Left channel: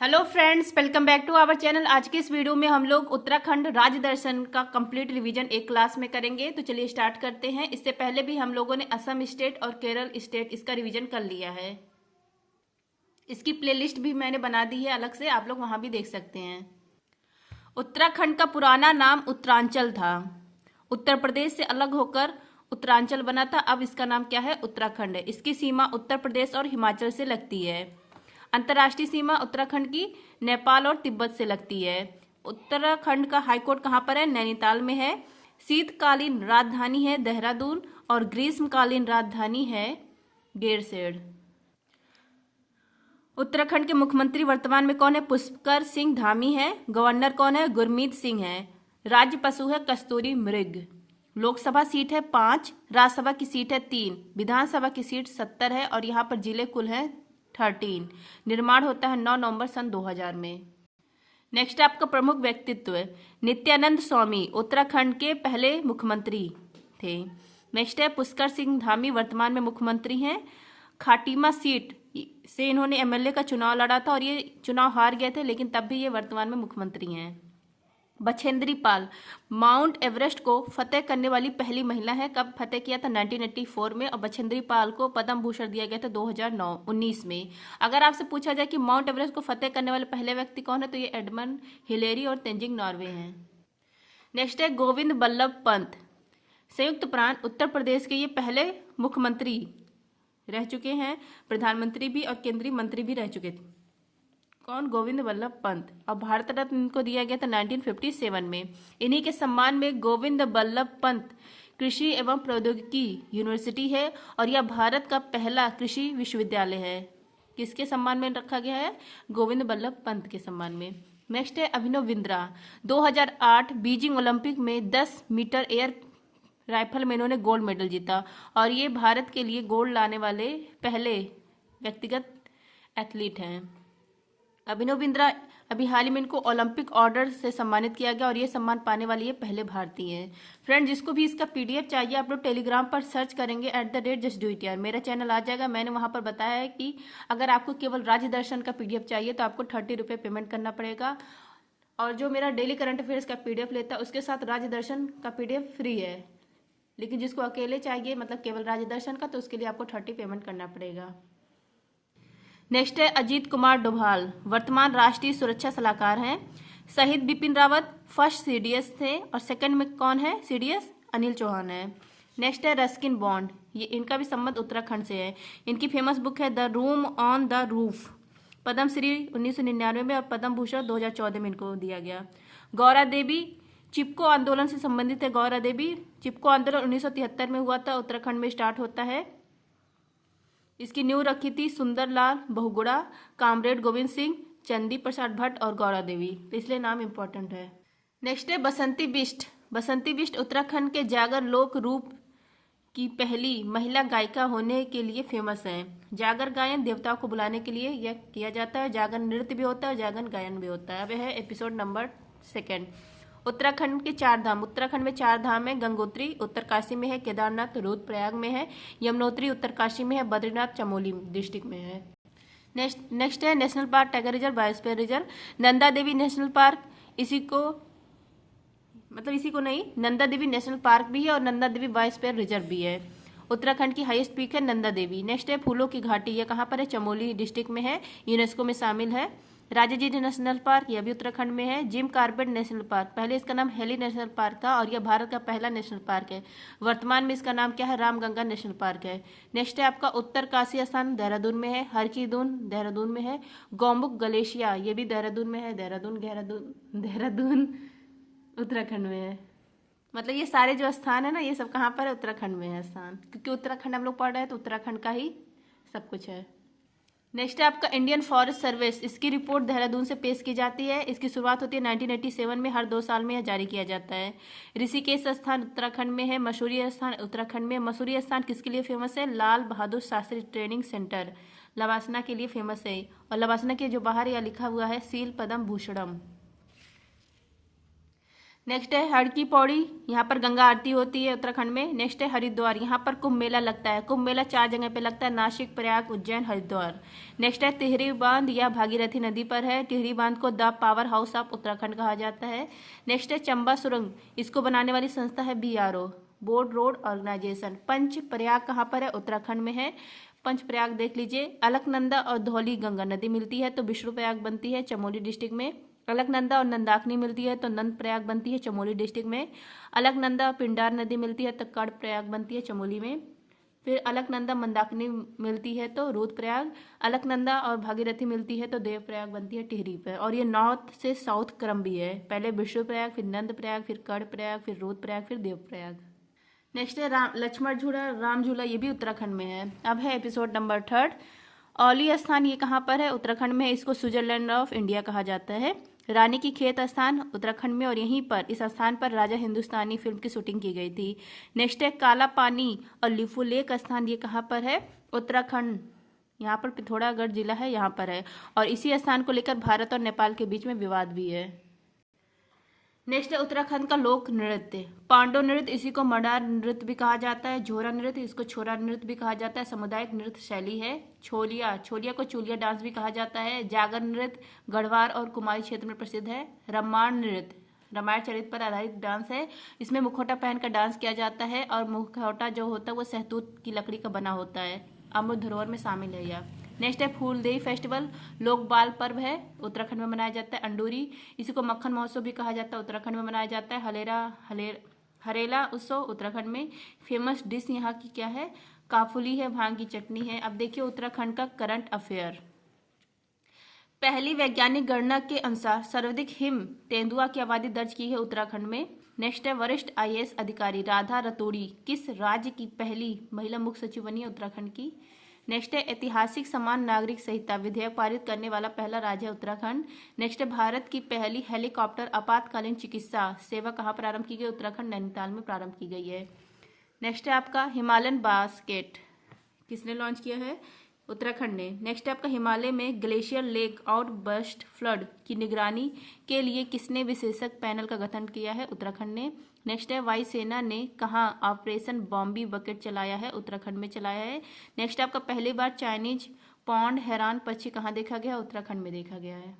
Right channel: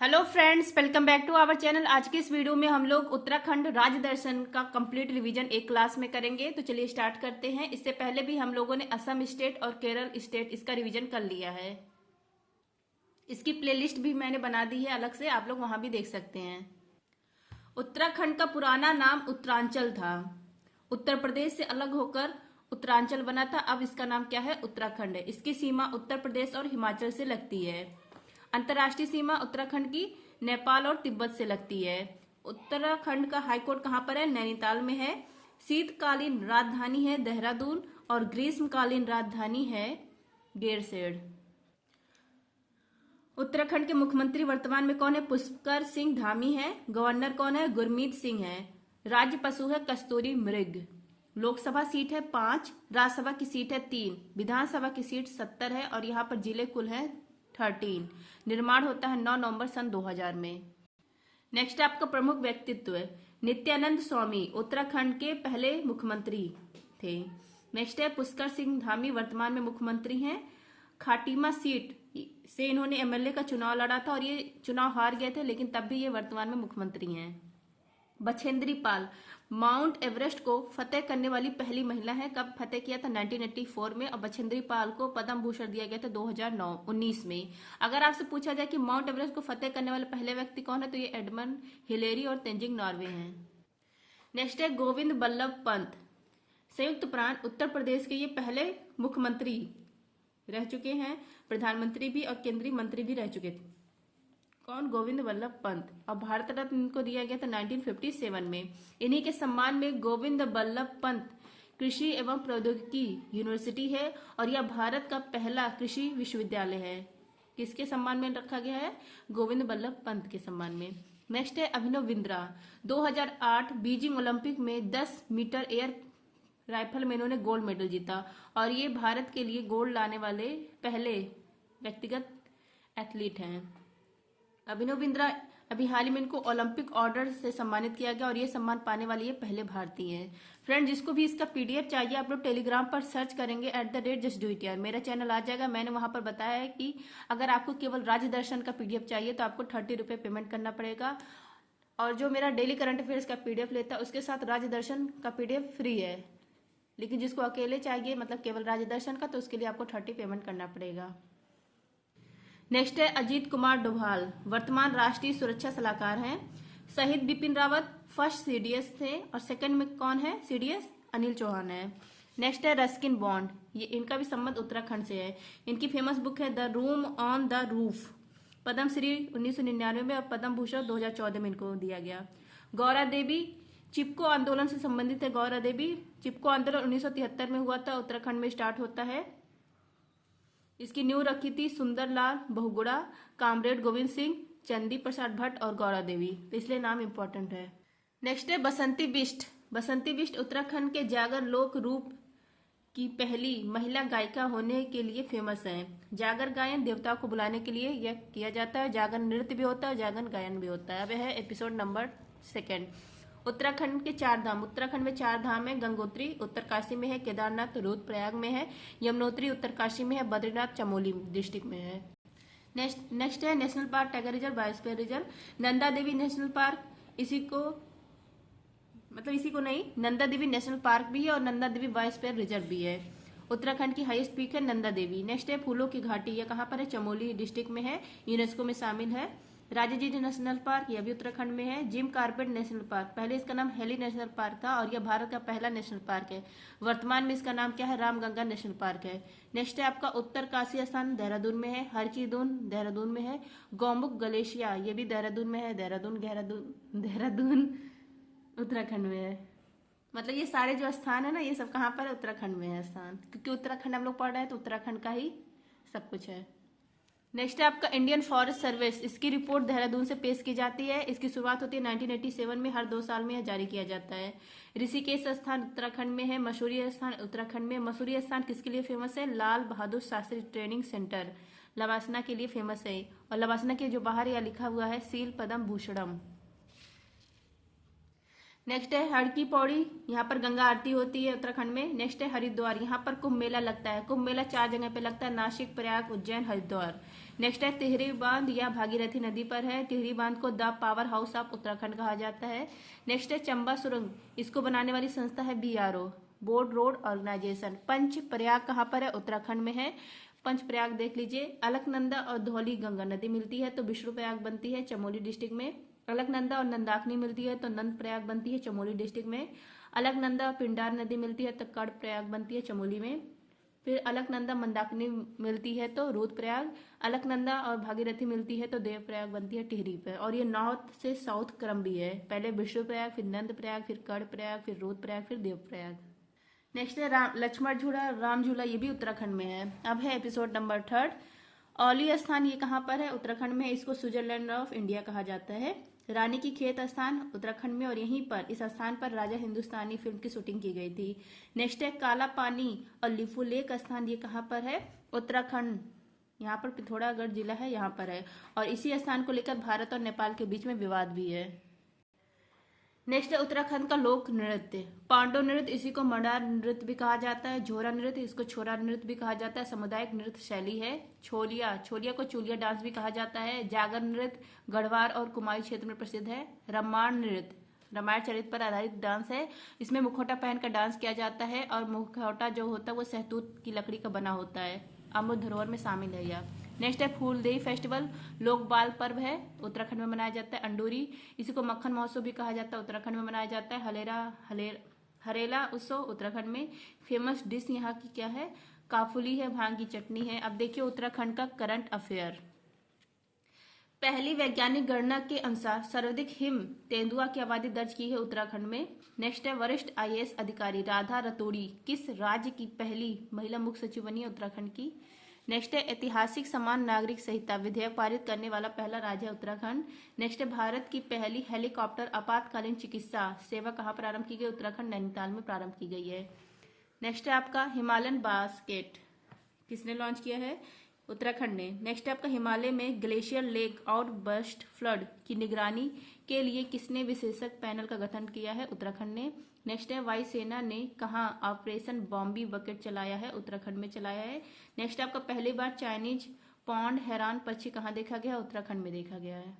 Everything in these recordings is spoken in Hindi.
Hello friends, welcome back to our channel. आज की इस वीडियो में हम लोग उत्तराखंड राज्य दर्शन का कंप्लीट रिवीजन एक क्लास में करेंगे। तो चलिए स्टार्ट करते हैं। इससे पहले भी हम लोगों ने असम स्टेट और केरल स्टेट इसका रिवीजन कर लिया है। इसकी प्लेलिस्ट भी मैंने बना दी है अलग से, आप लोग वहां भी देख सकते हैं। उत्तराखंड का पुराना नाम उत्तरांचल था। उत्तर प्रदेश से अलग होकर उत्तरांचल बना था। अब इसका नाम क्या है? उत्तराखंड है। इसकी सीमा उत्तर प्रदेश और हिमाचल से लगती है। अंतर्राष्ट्रीय सीमा उत्तराखंड की नेपाल और तिब्बत से लगती है। उत्तराखंड का हाईकोर्ट कहाँ पर है? नैनीताल में है। शीतकालीन राजधानी है देहरादून और ग्रीष्मकालीन राजधानी है गैरसैंण। उत्तराखंड के मुख्यमंत्री वर्तमान में कौन है? पुष्कर सिंह धामी है। गवर्नर कौन है? गुरमीत सिंह है। राज्य पशु है कस्तूरी मृग। लोकसभा सीट है 5, राज्यसभा की सीट है 3, विधानसभा की सीट 70 है और यहाँ पर जिले कुल हैं 13। निर्माण होता है 9 नवंबर सन 2000 में। नेक्स्ट आपका प्रमुख व्यक्तित्व नित्यानंद स्वामी उत्तराखंड के पहले मुख्यमंत्री थे। नेक्स्ट है पुष्कर सिंह धामी, वर्तमान में मुख्यमंत्री हैं। खाटीमा सीट से इन्होंने एमएलए का चुनाव लड़ा था और ये चुनाव हार गए थे, लेकिन तब भी ये वर्तमान में मुख्यमंत्री हैं। बछेंद्री पाल माउंट एवरेस्ट को फतेह करने वाली पहली महिला है। कब फतेह किया था? 1984 में। और बछेंद्री पाल को पद्म भूषण दिया गया था 2019 में। अगर आपसे पूछा जाए कि माउंट एवरेस्ट को फतेह करने वाले पहले व्यक्ति कौन है, तो ये एडमंड हिलेरी और तेंजिंग नॉर्वे हैं। नेक्स्ट है गोविंद बल्लभ पंत, संयुक्त प्रांत उत्तर प्रदेश के ये पहले मुख्यमंत्री रह चुके हैं, प्रधानमंत्री भी और केंद्रीय मंत्री भी रह चुके थे। कौन? गोविंद बल्लभ पंत। और भारत रत्न इनको दिया गया था 1957 में। इन्हीं के सम्मान में गोविंद बल्लभ पंत कृषि एवं प्रौद्योगिकी यूनिवर्सिटी है और यह भारत का पहला कृषि विश्वविद्यालय है। किसके सम्मान में रखा गया है? गोविंद बल्लभ पंत के सम्मान में। नेक्स्ट है अभिनव बिंद्रा, 2008 बीजिंग ओलंपिक में 10 मीटर एयर राइफल में इन्होंने गोल्ड मेडल जीता और ये भारत के लिए गोल्ड लाने वाले पहले व्यक्तिगत एथलीट हैं। अभिनव बिंद्रा अभी हाल ही में इनको ओलंपिक ऑर्डर से सम्मानित किया गया और ये सम्मान पाने वाले ये पहले भारतीय हैं। फ्रेंड, जिसको भी इसका पीडीएफ चाहिए आप लोग टेलीग्राम पर सर्च करेंगे @जस्ट डू इट यार, मेरा चैनल आ जाएगा। मैंने वहां पर बताया है कि अगर आपको केवल राज्य दर्शन का पीडीएफ चाहिए तो आपको 30 रुपये पेमेंट करना पड़ेगा और जो मेरा डेली करंट अफेयर्स का पीडीएफ लेता है उसके साथ राज्य दर्शन का पीडीएफ फ्री है। लेकिन जिसको अकेले चाहिए मतलब केवल राज्य दर्शन का, तो उसके लिए आपको 30 पेमेंट करना पड़ेगा। नेक्स्ट है अजीत कुमार डोभाल, वर्तमान राष्ट्रीय सुरक्षा सलाहकार हैं। शहीद बिपिन रावत फर्स्ट सीडीएस थे और सेकंड में कौन है? सीडीएस अनिल चौहान है। नेक्स्ट है रस्किन बॉन्ड, ये इनका भी संबंध उत्तराखंड से है। इनकी फेमस बुक है the room on the roof. Padma Shri 1999 में और पद्म भूषण 2014 में इनको दिया गया। गौरा देवी चिपको आंदोलन से संबंधित है। गौरा देवी चिपको आंदोलन 1973 में हुआ था, उत्तराखंड में स्टार्ट होता है। इसकी नींव रखी थी सुंदरलाल बहुगुणा, कामरेड गोविंद सिंह, चंदी प्रसाद भट्ट और गौरा देवी, तो इसलिए नाम इंपॉर्टेंट है। नेक्स्ट है बसंती बिष्ट। बसंती बिष्ट उत्तराखंड के जागर लोक रूप की पहली महिला गायिका होने के लिए फेमस है। जागर गायन देवताओं को बुलाने के लिए यह किया जाता है। जागर नृत्य भी होता है, जागर गायन भी होता है। अब है एपिसोड नंबर 2। उत्तराखंड के 4 धाम। उत्तराखंड में 4 धाम है। गंगोत्री उत्तरकाशी में है, केदारनाथ रुद्रप्रयाग में है, यमुनोत्री उत्तरकाशी में है, बद्रीनाथ चमोली डिस्ट्रिक्ट में है। नेक्स्ट है national park, tiger reserve, biosphere reserve. Nanda Devi national park, इसी को नहीं, नंदा देवी नेशनल पार्क भी है और नंदा देवी बायोस्फीयर रिजर्व भी है। उत्तराखंड की हाईएस्ट पीक है नंदा देवी। नेक्स्ट है फूलों की घाटी, यह कहाँ पर है? चमोली डिस्ट्रिक्ट में है, यूनेस्को में शामिल है। राजाजी नेशनल पार्क, यह भी उत्तराखंड में है। जिम कार्बेट नेशनल पार्क, पहले इसका नाम हेली नेशनल पार्क था और यह भारत का पहला नेशनल पार्क है। वर्तमान में इसका नाम क्या है? रामगंगा नेशनल पार्क है। नेक्स्ट है आपका उत्तरकाशी स्थान, देहरादून में है। हरकीदून देहरादून में है। गौमुख ग्लेशियर, यह भी देहरादून में है। देहरादून उत्तराखंड में है। मतलब ये सारे जो स्थान है ना, ये सब कहाँ पर है? उत्तराखंड में है स्थान, क्योंकि उत्तराखंड हम लोग पढ़ रहे हैं तो उत्तराखंड का ही सब कुछ है। नेक्स्ट है आपका इंडियन फॉरेस्ट सर्विस, इसकी रिपोर्ट देहरादून से पेश की जाती है। इसकी शुरुआत होती है 1987 में, हर 2 साल में यह जारी किया जाता है। ऋषिकेश स्थान उत्तराखंड में है। मसूरी स्थान उत्तराखंड में। मसूरी स्थान किसके लिए फेमस है? लाल बहादुर शास्त्री ट्रेनिंग सेंटर लवासना के लिए फेमस है। और लवासना के जो बाहर यह लिखा हुआ है सील पद्म भूषणम। नेक्स्ट है हर की पौड़ी, यहाँ पर गंगा आरती होती है उत्तराखंड में। नेक्स्ट है हरिद्वार, यहाँ पर कुंभ मेला लगता है। कुंभ मेला 4 जगह पे लगता है, नासिक, प्रयाग, उज्जैन, हरिद्वार। नेक्स्ट है टिहरी बांध, यह भागीरथी नदी पर है। टिहरी बांध को the power house of Uttarakhand कहा जाता है। नेक्स्ट है चंबा सुरंग, इसको बनाने वाली संस्था है BRO, बोर्ड रोड ऑर्गेनाइजेशन। पंच प्रयाग कहाँ पर है? उत्तराखंड में है। पंच प्रयाग देख लीजिए, अलकनंदा और धौली गंगा नदी मिलती है तो विष्णु प्रयाग बनती है चमोली डिस्ट्रिक्ट में। अलकनंदा और नंदाकिनी मिलती है तो नंद प्रयाग बनती है चमोली डिस्ट्रिक्ट में। अलकनंदा और पिंडार नदी मिलती है तो कर्ण प्रयाग बनती है चमोली में। फिर अलकनंदा मंदाकिनी मिलती है तो रुद्रप्रयाग। अलकनंदा और भागीरथी मिलती है तो देवप्रयाग बनती है टिहरी पर। और ये नॉर्थ से साउथ क्रम भी है, पहले विष्णु प्रयाग, फिर नंद प्रयाग, फिर कर्ण प्रयाग, फिर रुद्रप्रयाग, फिर देवप्रयाग। नेक्स्ट है लक्ष्मण झूला, राम झूला, ये भी उत्तराखंड में है। अब है एपिसोड नंबर 3। औली स्थान ये कहाँ पर है? उत्तराखंड में है। इसको स्विट्जरलैंड ऑफ इंडिया कहा जाता है। रानी की खेत स्थान उत्तराखंड में, और यहीं पर इस स्थान पर राजा हिंदुस्तानी फिल्म की शूटिंग की गई थी। नेक्स्ट है काला पानी और लिफू लेक स्थान, ये कहाँ पर है? उत्तराखंड, यहाँ पर पिथौरागढ़ जिला है, यहाँ पर है। और इसी स्थान को लेकर भारत और नेपाल के बीच में विवाद भी है। नेक्स्ट है उत्तराखंड का लोक नृत्य, पांडव नृत्य, इसी को मडार नृत्य भी कहा जाता है। झोरा नृत्य, इसको छोरा नृत्य भी कहा जाता है। सामुदायिक नृत्य शैली है। छोलिया, छोलिया को चूलिया डांस भी कहा जाता है। जागर नृत्य गढ़वाल और कुमाऊं क्षेत्र में प्रसिद्ध है। रामायण नृत्य, रामायण चरित्र पर आधारित डांस है। इसमें मुखौटा पहनकर डांस किया जाता है और मुखौटा जो होता है वो सहतूत की लकड़ी का बना होता है। अमृत धरोहर में शामिल है यह। नेक्स्ट है फूलदेई फेस्टिवल, लोक बाल पर्व है, उत्तराखंड में मनाया जाता है। अंडूरी, इसी को मक्खन महोत्सव भी कहा जाता है, उत्तराखंड में मनाया जाता है। हरेला उत्सव उत्तराखंड में। फेमस डिश यहाँ की क्या है? काफुली है, भांग की चटनी है। अब देखिए उत्तराखंड का करंट अफेयर। पहली वैज्ञानिक गणना के अनुसार सर्वाधिक हिम तेंदुआ की आबादी दर्ज की है उत्तराखंड में। नेक्स्ट है वरिष्ठ IAS अधिकारी राधा रतोड़ी किस राज्य की पहली महिला मुख्य सचिव बनी है? उत्तराखंड की। नेक्स्ट है ऐतिहासिक समान नागरिक संहिता विधेयक पारित करने वाला पहला राज्य है उत्तराखंड। नेक्स्ट है भारत की पहली हेलीकॉप्टर आपातकालीन चिकित्सा सेवा कहाँ प्रारंभ की गई? उत्तराखंड नैनीताल में प्रारंभ की गई है। नेक्स्ट है आपका हिमालयन बास्केट, किसने लॉन्च किया है? उत्तराखंड ने। नेक्स्ट है आपका हिमालय में glacier lake out burst flood की निगरानी के लिए किसने विशेषज्ञ पैनल का गठन किया है? उत्तराखंड ने। नेक्स्ट है वायुसेना ने कहाँ ऑपरेशन बॉम्बी बकेट चलाया है? उत्तराखंड में चलाया है। नेक्स्ट आपका पहली बार चाइनीज पौंड हैरान पक्षी कहाँ देखा गया? उत्तराखंड में देखा गया है।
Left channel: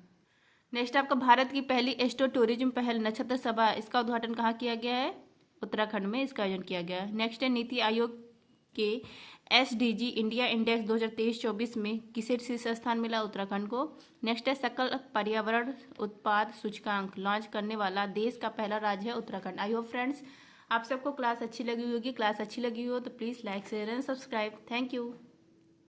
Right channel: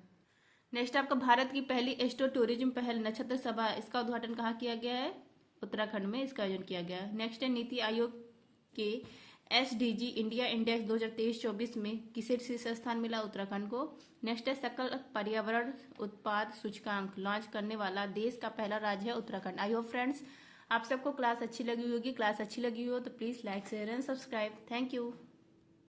नेक्स्ट आपका भारत की पहली एस्ट्रो टूरिज्म पहल नक्षत्र सभा, इसका उद्घाटन कहाँ किया गया है? उत्तराखंड में इसका आयोजन किया गया है। नेक्स्ट है नीति आयोग के SDG इंडिया इंडेक्स 2023-24 में किसे शीर्ष स्थान मिला? उत्तराखंड को। नेक्स्ट है सकल पर्यावरण उत्पाद सूचकांक लॉन्च करने वाला देश का पहला राज्य है उत्तराखंड। आई होप फ्रेंड्स आप सबको क्लास अच्छी लगी होगी। क्लास अच्छी लगी हो तो please like share and subscribe. Thank you.